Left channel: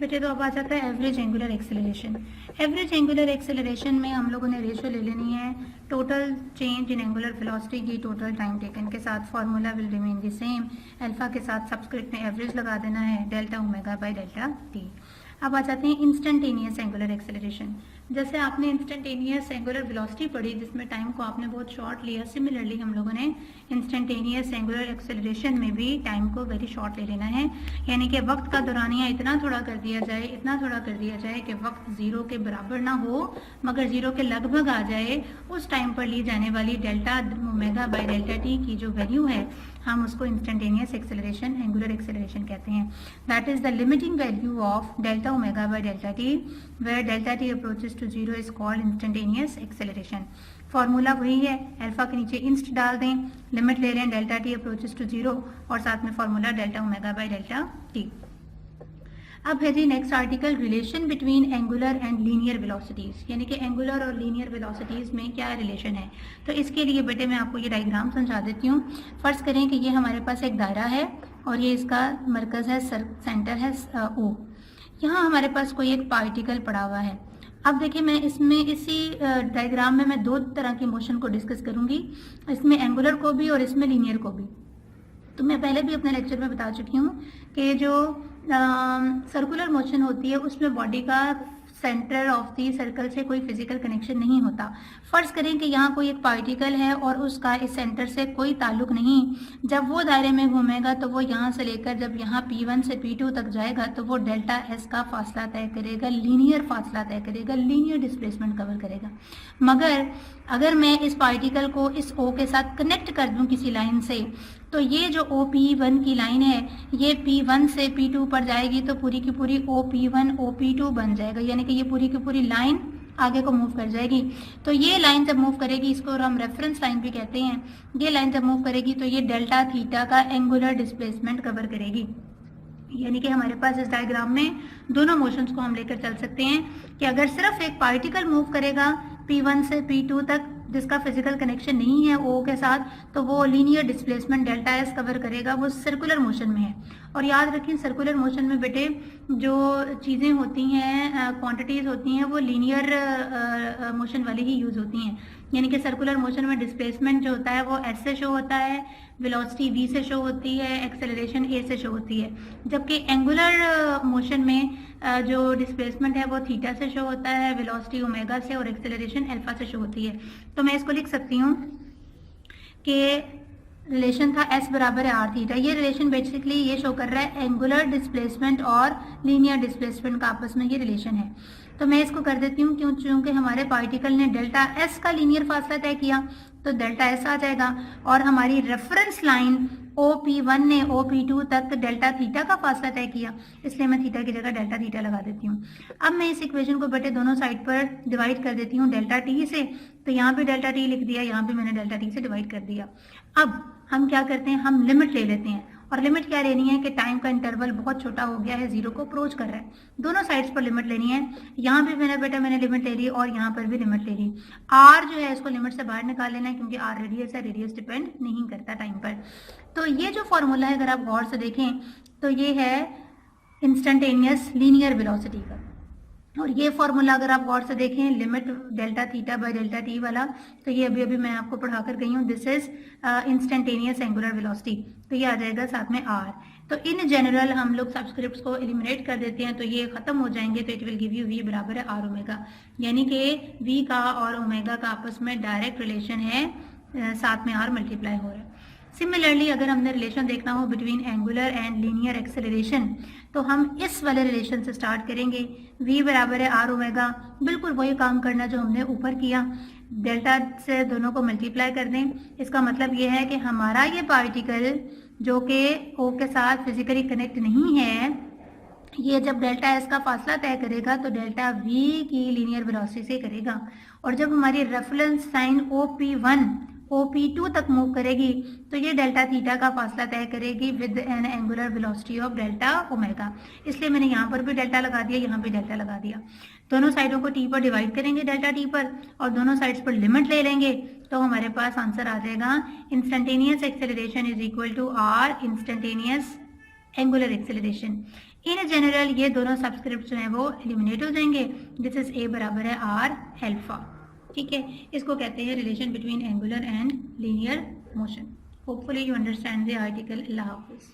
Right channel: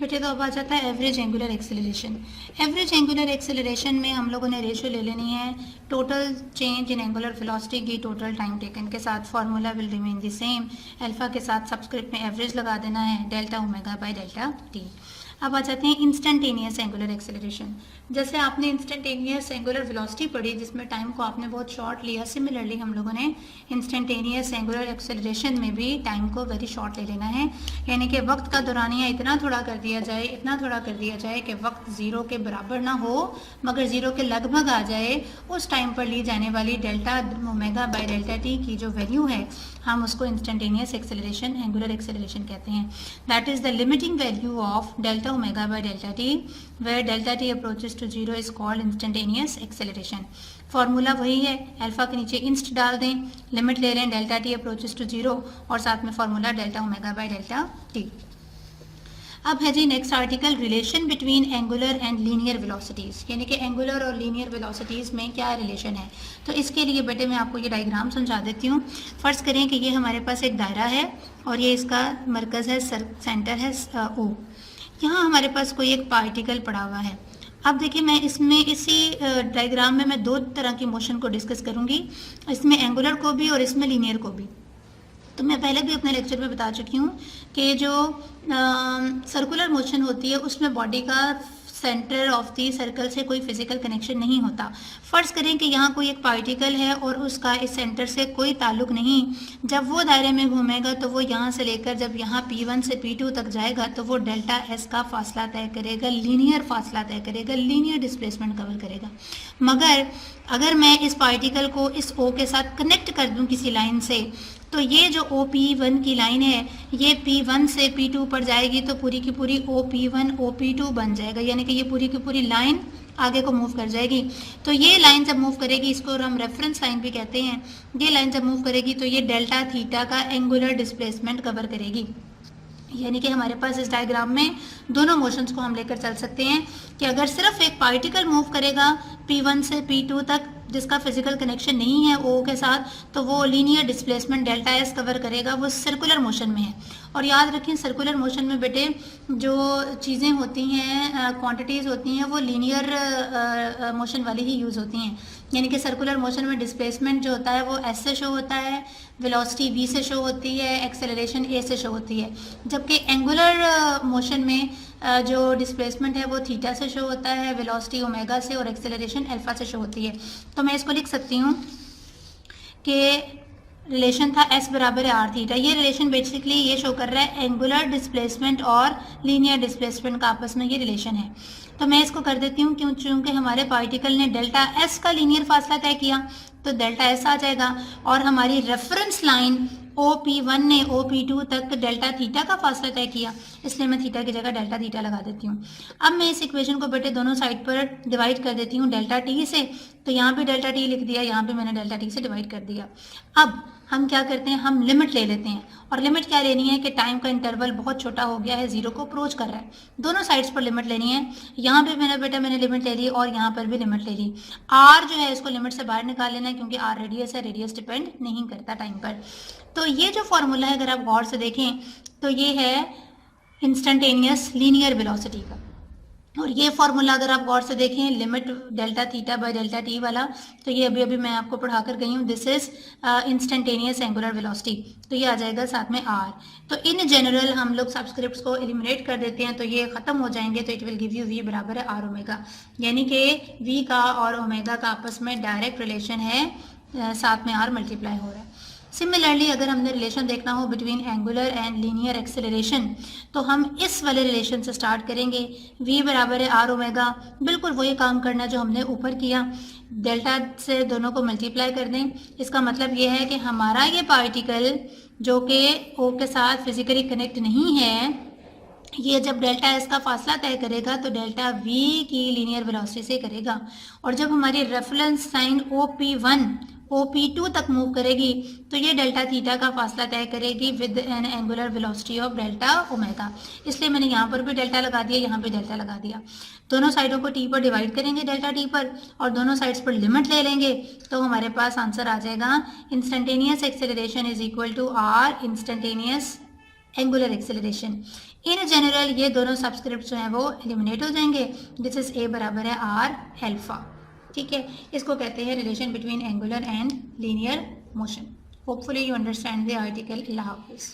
बेटे तो अब आ जाता है average angular acceleration. Average angular acceleration में हम लोगों ने रेशो ले लेनी है total change in angular velocity की टोटल टाइम टेकन के साथ। Formula will remain the same. Alpha के साथ सबस्क्रिप्ट में एवरेज लगा देना है, delta omega by delta T. अब आ जाते हैं इंस्टेंटेनियस एंगुलर एक्सेलरेशन। जैसे आपने इंस्टेंटेनियस एंगुलर वेलोसिटी पढ़ी जिसमें टाइम को आपने बहुत शॉर्ट लिया, सिमिलरली हम लोगों ने इंस्टेंटेनियस एंगुलर एक्सेलरेशन में भी टाइम को वेरी शॉर्ट ले लेना है। यानी कि वक्त का दौरानिया इतना थोड़ा कर दिया जाए, इतना थोड़ा कर दिया जाए कि वक्त जीरो के बराबर ना हो मगर जीरो के लगभग आ जाए। उस टाइम पर ली जाने वाली delta omega by delta T की जो वैल्यू है हम उसको इंस्टेंटेनियस एक्सेलरेशन एंगुलर एक्सेलरेशन कहते हैं। That is the limiting value of delta omega by delta t where delta T approaches to zero is called instantaneous acceleration. Formula वही है, alpha के नीचे इंस्ट डाल दें, लिमिट ले लें delta T approaches to zero और साथ में formula delta omega by delta T. अब है जी next article, relation between angular and linear velocities, यानी कि एंगुलर और लीनियर वेलोसिटीज़ में क्या रिलेशन है। तो इसके लिए बेटे मैं आपको ये डायग्राम समझा देती हूँ। फ़र्ज़ करें कि ये हमारे पास एक दायरा है और ये इसका मरकज़ है, सेंटर है ओ। यहाँ हमारे पास कोई एक पार्टिकल पड़ा हुआ है। अब देखिए मैं इसमें इसी डायग्राम में मैं दो तरह की मोशन को डिस्कस करूँगी, इसमें एंगुलर को भी और इसमें लीनियर को भी। तो मैं पहले भी अपने लेक्चर में बता चुकी हूँ कि जो सर्कुलर मोशन होती है उसमें बॉडी का सेंटर ऑफ दी सर्कल से कोई फिजिकल कनेक्शन नहीं होता। फ़र्ज़ करें कि यहाँ कोई एक पार्टिकल है और उसका इस सेंटर से कोई ताल्लुक नहीं। जब वो दायरे में घूमेगा तो वो यहाँ से लेकर जब यहाँ P1 से P2 तक जाएगा तो वो डेल्टा एस का फासला तय करेगा, लीनियर फासला तय करेगा, लीनियर डिस्प्लेसमेंट कवर करेगा। मगर अगर मैं इस पार्टिकल को इस O के साथ कनेक्ट कर दूँ किसी लाइन से तो ये जो OP1 की लाइन है ये P1 से P2 पर जाएगी तो पूरी की पूरी OP1 OP2 बन जाएगा, यानी कि ये पूरी की पूरी लाइन आगे को मूव कर जाएगी। तो ये लाइन जब मूव करेगी, इसको हम रेफरेंस लाइन भी कहते हैं, ये लाइन जब मूव करेगी तो ये डेल्टा थीटा का एंगुलर डिस्प्लेसमेंट कवर करेगी। यानी कि हमारे पास इस डायग्राम में दोनों मोशंस को हम लेकर चल सकते हैं कि अगर सिर्फ एक पार्टिकल मूव करेगा P1 से P2 तक जिसका फिजिकल कनेक्शन नहीं है O के साथ, तो वो linear displacement delta S cover करेगा, वो सर्कुलर मोशन में है। और याद रखें सर्कुलर मोशन में बेटे जो चीज़ें होती हैं, क्वांटिटीज़ होती हैं, वो लीनियर मोशन वाली ही यूज़ होती हैं। यानी कि सर्कुलर मोशन में डिस्प्लेसमेंट जो होता है वो एस से शो होता है, वेलोसिटी v से शो होती है, एक्सेलरेशन a से शो होती है। जबकि एंगुलर मोशन में जो डिस्प्लेसमेंट है वो थीटा से शो होता है, वेलोसिटी ओमेगा से और एक्सेलरेशन अल्फा से शो होती है। तो मैं इसको लिख सकती हूँ कि रिलेशन था s बराबर है r थीटा। ये रिलेशन बेसिकली ये शो कर रहा है एंगुलर डिस्प्लेसमेंट और लीनियर डिस्प्लेसमेंट का आपस में ये रिलेशन है। तो मैं इसको कर देती हूँ क्योंकि हमारे पार्टिकल ने डेल्टा s का लीनियर फासला तय किया तो डेल्टा एस आ जाएगा और हमारी रेफरेंस लाइन OP1 ने OP2 तक डेल्टा थीटा का फासला तय किया, इसलिए मैं थीटा की जगह डेल्टा थीटा लगा देती हूँ। अब मैं इस इक्वेशन को बेटे दोनों साइड पर डिवाइड कर देती हूँ डेल्टा टी से, तो यहाँ पे डेल्टा टी लिख दिया, यहाँ पे मैंने डेल्टा टी से डिवाइड कर दिया। अब हम क्या करते हैं, हम लिमिट ले लेते हैं और लिमिट क्या लेनी है कि टाइम का इंटरवल बहुत छोटा हो गया है, जीरो को अप्रोच कर रहा है। दोनों साइड्स पर लिमिट लेनी है, यहाँ पे मेरा बेटा मैंने लिमिट ले ली और यहाँ पर भी लिमिट ले ली। आर जो है इसको लिमिट से बाहर निकाल लेना है क्योंकि आर रेडियस है, रेडियस डिपेंड नहीं करता टाइम पर। तो ये जो फॉर्मूला है अगर आप गौर से देखें तो ये है इंस्टेंटेनियस लीनियर वेलोसिटी का, और ये फॉर्मूला अगर आप गौर से देखें limit delta theta by delta T वाला, तो ये अभी मैं आपको पढ़ा कर गई हूँ, this is instantaneous angular velocity, तो ये आ जाएगा साथ में आर। तो इन जनरल हम लोग सबस्क्रिप्ट्स को एलिमिनेट कर देते हैं तो ये खत्म हो जाएंगे, तो it will give you v बराबर है आर ओमेगा, यानी कि v का और ओमेगा का आपस में डायरेक्ट रिलेशन है, साथ में आर मल्टीप्लाई हो रहा है। सिमिलरली अगर हमने रिलेशन देखना हो between angular and linear acceleration तो हम इस वाले रिलेशन से स्टार्ट करेंगे, v बराबर है आर ओमेगा, बिल्कुल वही काम करना जो हमने ऊपर किया, डेल्टा से दोनों को मल्टीप्लाई कर दें। इसका मतलब ये है कि हमारा ये पार्टिकल जो कि O के साथ फिजिकली कनेक्ट नहीं है, ये जब डेल्टा एस का फासला तय करेगा तो डेल्टा v की लीनियर वेलोसिटी से करेगा, और जब हमारी रेफरेंस साइन OP1 OP2 तक मूव करेगी तो ये डेल्टा थीटा का फासला तय करेगी with N angular velocity of delta omega. इसलिए मैंने यहाँ पर भी डेल्टा लगा दिया, यहाँ पे डेल्टा लगा दिया। दोनों साइडों को t पर डिवाइड करेंगे डेल्टा t पर और दोनों साइड्स पर लिमिट ले लेंगे तो हमारे पास आंसर आ जाएगा instantaneous acceleration is equal to r instantaneous angular acceleration. In general ये दोनों सब्सक्रिप्ट जो हैं वो एलिमिनेट हो जाएंगे. दिस इज ए बराबर है आर अल्फा. ठीक है, इसको कहते हैं relation between angular and linear motion. Hopefully you understand the article. Allah हाफिज़.